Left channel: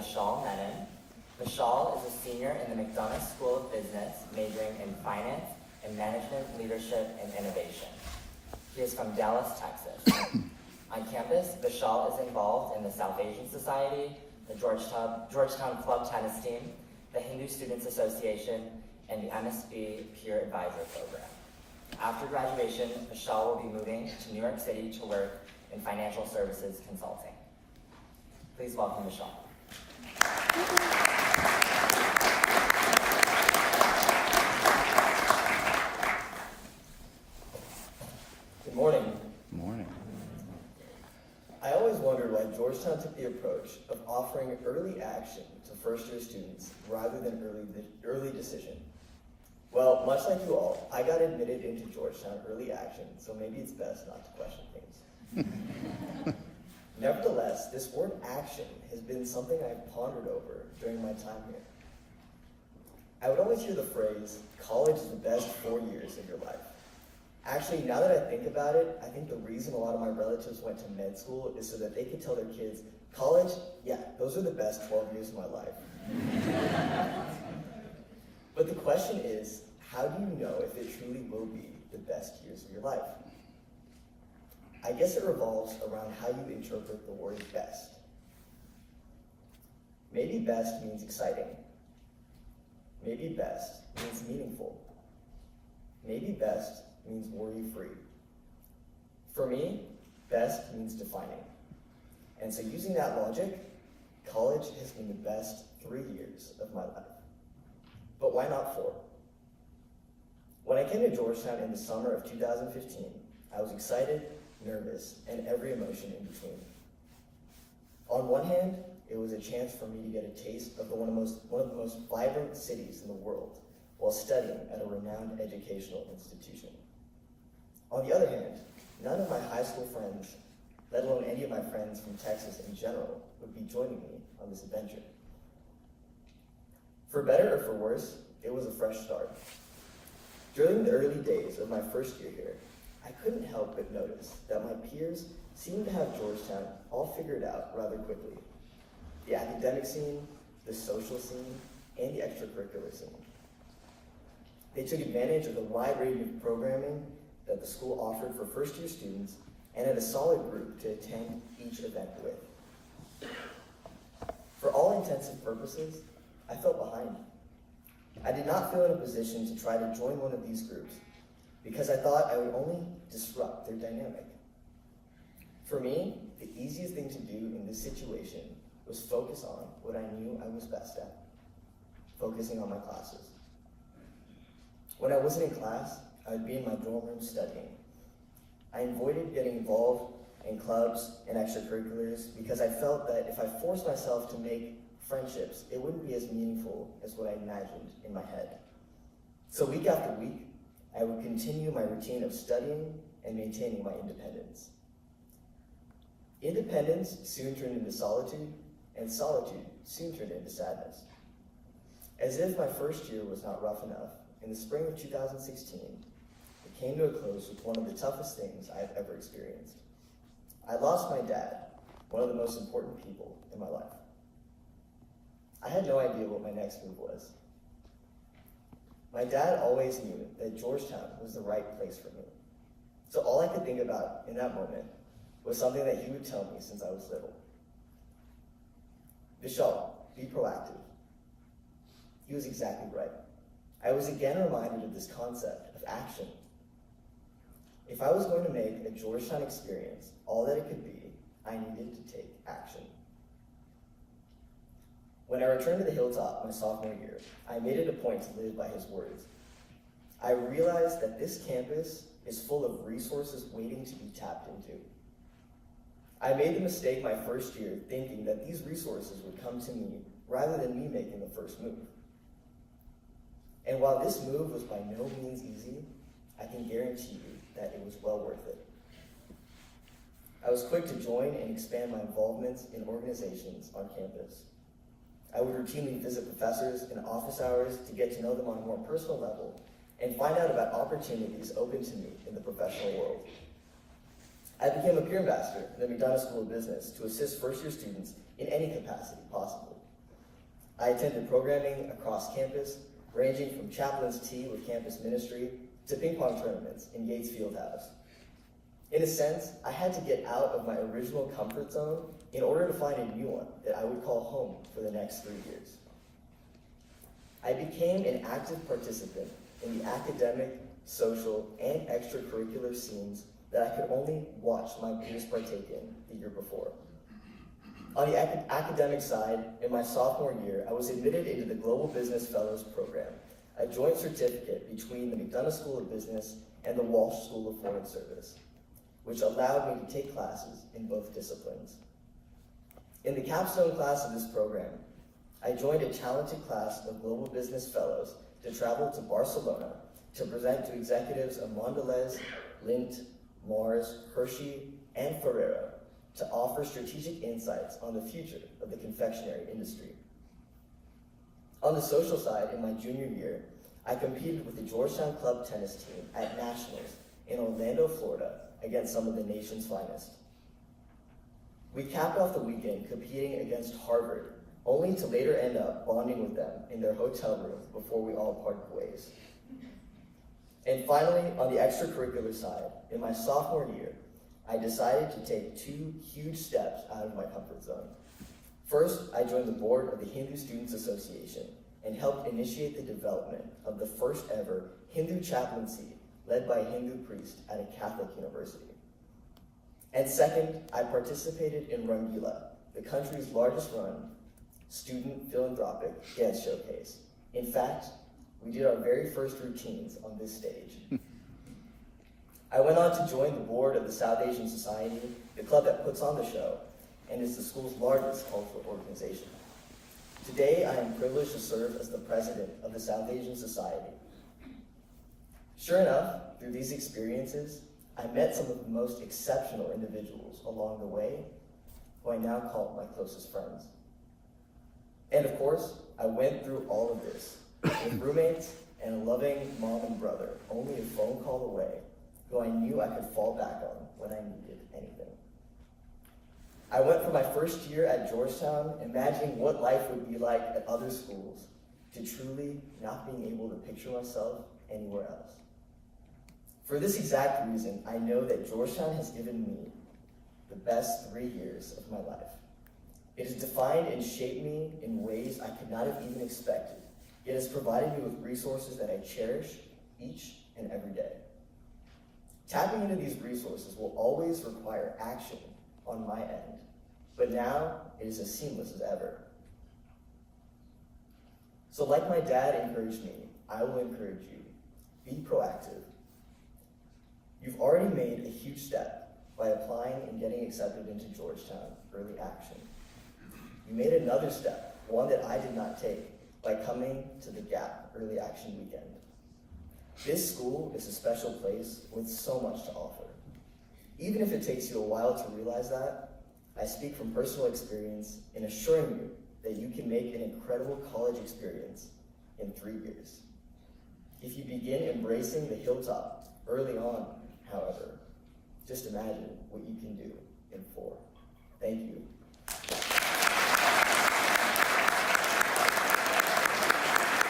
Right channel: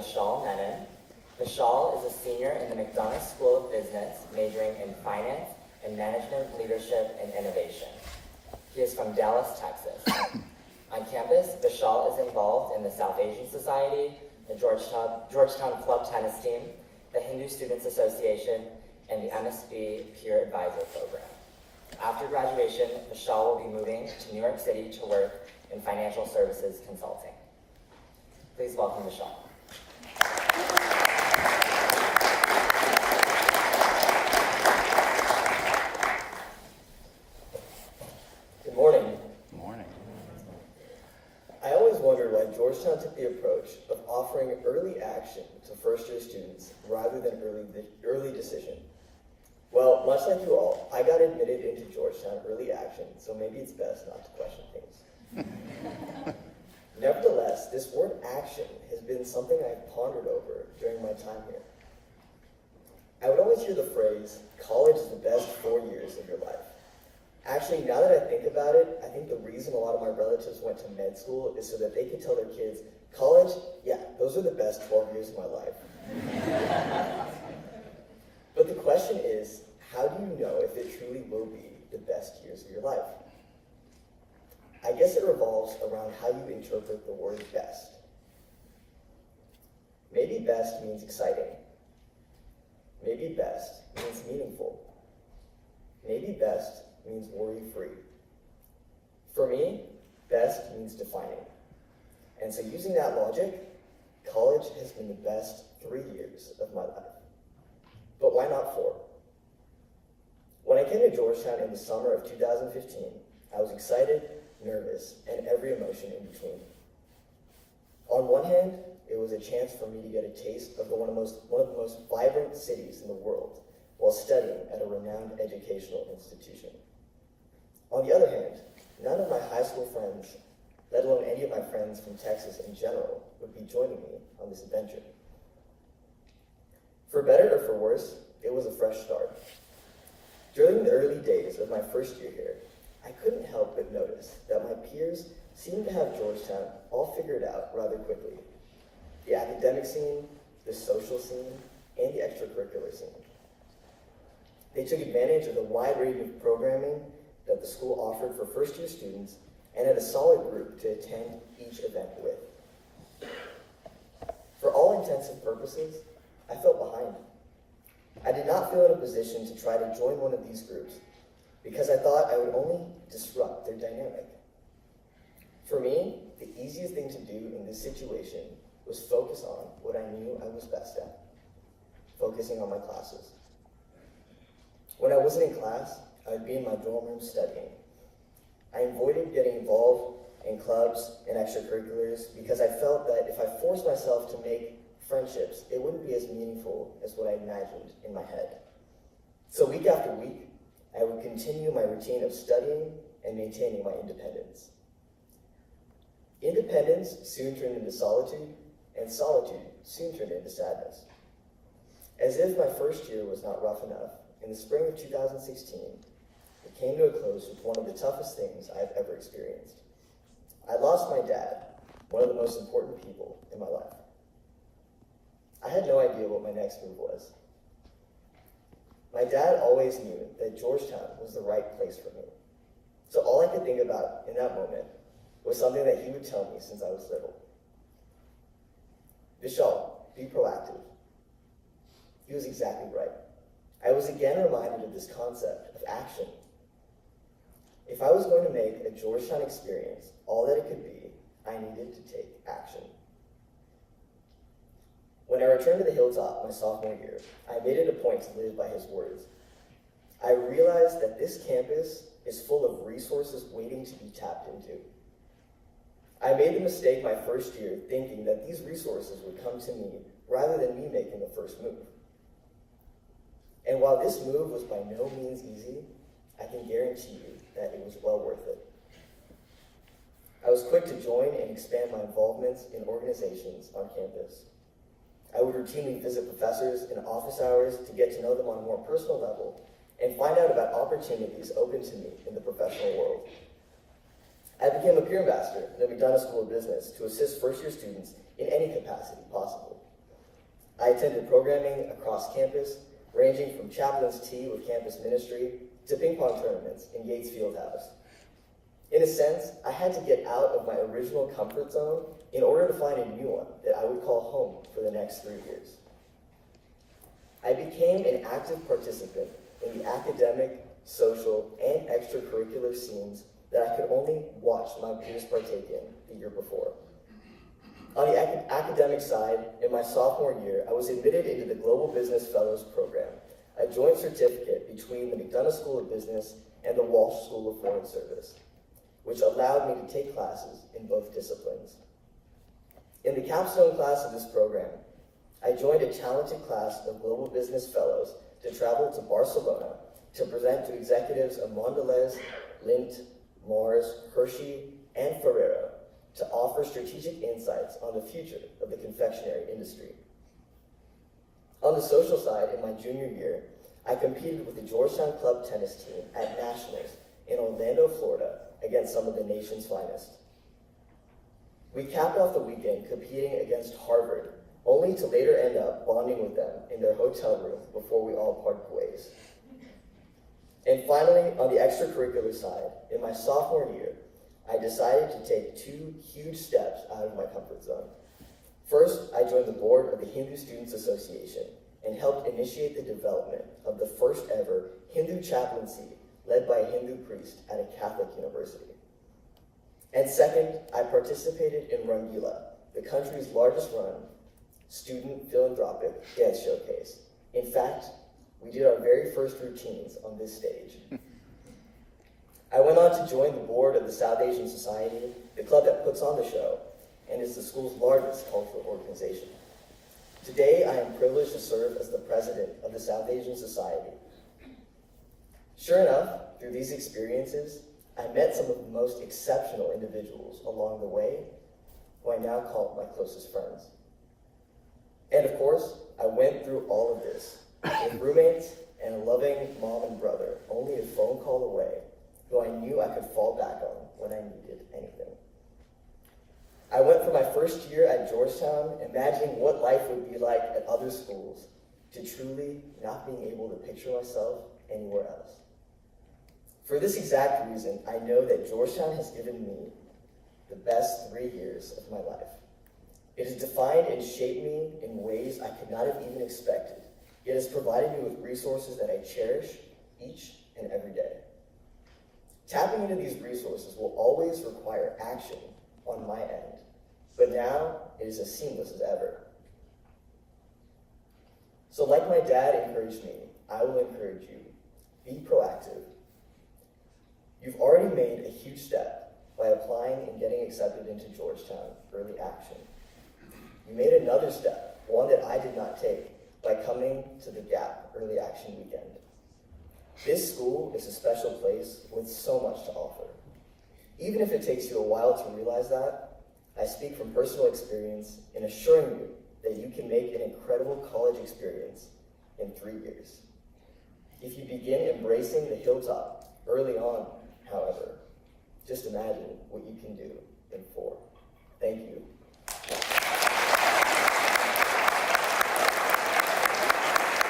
Vishal Menon. Vishal is a senior in the McDonough School of Business, majoring in finance and management, leadership, and innovation. He is from Dallas, Texas. On campus, Vishal is involved in the South Asian Society, the Georgetown Club Tennis Team, the Hindu Students Association, and the MSB Peer Ambassador Program. After graduation, Vishal will be moving to New York City to work in financial services consulting. Please welcome Vishal. Good morning. Good morning. I always wondered why Georgetown took the approach of offering early action to first-year students rather than early decision. Well, much like you all, I got admitted into Georgetown early action, so maybe it's best not to question things. Nevertheless, this word action has been something I've pondered over during my time here. I would always hear the phrase, college is the best 4 years of your life. Actually, now that I think about it, I think the reason a lot of my relatives went to med school is so that they could tell their kids, college, yeah, those are the best 12 years of my life. But the question is, how do you know if it truly will be the best years of your life? I guess it revolves around how you interpret the word best. Maybe best means exciting. Maybe best means meaningful. Maybe best means worry-free. For me, best means defining. And so using that logic, college has been the best 3 years of my life. But why not 4? When I came to Georgetown in the summer of 2015, I was excited, nervous, and every emotion in between. On one hand, it was a chance for me to get a taste of one of the most vibrant cities in the world while studying at a renowned educational institution. On the other hand, none of my high school friends, let alone any of my friends from Texas in general, would be joining me on this adventure. For better or for worse, it was a fresh start. During the early days of my first year here, I couldn't help but notice that my peers seemed to have Georgetown all figured out rather quickly. The academic scene, the social scene, and the extracurricular scene. They took advantage of the wide range of programming that the school offered for first-year students and had a solid group to attend each event with. For all intents and purposes, I felt behind. I did not feel in a position to try to join one of these groups because I thought I would only disrupt their dynamic. For me, the easiest thing to do in this situation was focus on what I knew I was best at, focusing on my classes. When I wasn't in class, I would be in my dorm room studying. I avoided getting involved in clubs and extracurriculars because I felt that if I forced myself to make friendships, it wouldn't be as meaningful as what I imagined in my head. So week after week, I would continue my routine of studying and maintaining my independence. Independence soon turned into solitude, and solitude soon turned into sadness. As if my first year was not rough enough, in the spring of 2016, it came to a close with one of the toughest things I have ever experienced. I lost my dad, one of the most important people in my life. I had no idea what my next move was. My dad always knew that Georgetown was the right place for me. So all I could think about in that moment was something that he would tell me since I was little. Vishal, be proactive. He was exactly right. I was again reminded of this concept of action. If I was going to make a Georgetown experience all that it could be, I needed to take action. When I returned to the Hilltop my sophomore year, I made it a point to live by his words. I realized that this campus is full of resources waiting to be tapped into. I made the mistake my first year thinking that these resources would come to me rather than me making the first move. And while this move was by no means easy, I can guarantee you that it was well worth it. I was quick to join and expand my involvements in organizations on campus. I would routinely visit professors in office hours to get to know them on a more personal level and find out about opportunities open to me in the professional world. I became a peer ambassador in the McDonough School of Business to assist first-year students in any capacity possible. I attended programming across campus, ranging from chaplain's tea with campus ministry to ping pong tournaments in Yates Fieldhouse. In a sense, I had to get out of my original comfort zone in order to find a new one that I would call home for the next 3 years. I became an active participant in the academic, social, and extracurricular scenes that I could only watch my peers partake in the year before. On the academic side, in my sophomore year, I was admitted into the Global Business Fellows Program, a joint certificate between the McDonough School of Business and the Walsh School of Foreign Service, which allowed me to take classes in both disciplines. In the capstone class of this program, I joined a talented class of Global Business Fellows to travel to Barcelona to present to executives of Mondelez, Lindt, Mars, Hershey, and Ferrero to offer strategic insights on the future of the confectionery industry. On the social side, in my junior year, I competed with the Georgetown Club Tennis Team at Nationals in Orlando, Florida, against some of the nation's finest. We capped off the weekend competing against Harvard, only to later end up bonding with them in their hotel room before we all parted ways. And finally, on the extracurricular side, in my sophomore year, I decided to take 2 huge steps out of my comfort zone. First, I joined the board of the Hindu Students Association and helped initiate the development of the first ever Hindu chaplaincy led by a Hindu priest at a Catholic university. And second, I participated in Rangila, the country's largest run student philanthropic dance showcase. In fact, we did our very first routines on this stage. I went on to join the board of the South Asian Society, the club that puts on the show, and is the school's largest cultural organization. Today, I am privileged to serve as the president of the South Asian Society. Sure enough, through these experiences, I met some of the most exceptional individuals along the way, who I now call my closest friends. And of course, I went through all of this with roommates and a loving mom and brother, only a phone call away, who I knew I could fall back on when I needed anything. I went for my first year at Georgetown, imagining what life would be like at other schools, to truly not being able to picture myself anywhere else. For this exact reason, I know that Georgetown has given me the best 3 years of my life. It has defined and shaped me in ways I could not have even expected. It has provided me with resources that I cherish each and every day. Tapping into these resources will always require action on my end, but now it is as seamless as ever. So like my dad encouraged me, I will encourage you. Be proactive. You've already made a huge step by applying and getting accepted into Georgetown Early Action. You made another step, one that I did not take, by coming to the Gap Early Action Weekend. This school is a special place with so much to offer. Even if it takes you a while to realize that, I speak from personal experience in assuring you that you can make an incredible college experience in 3 years. If you begin embracing the hilltop early on, however, just imagine what you can do in 4. Thank you.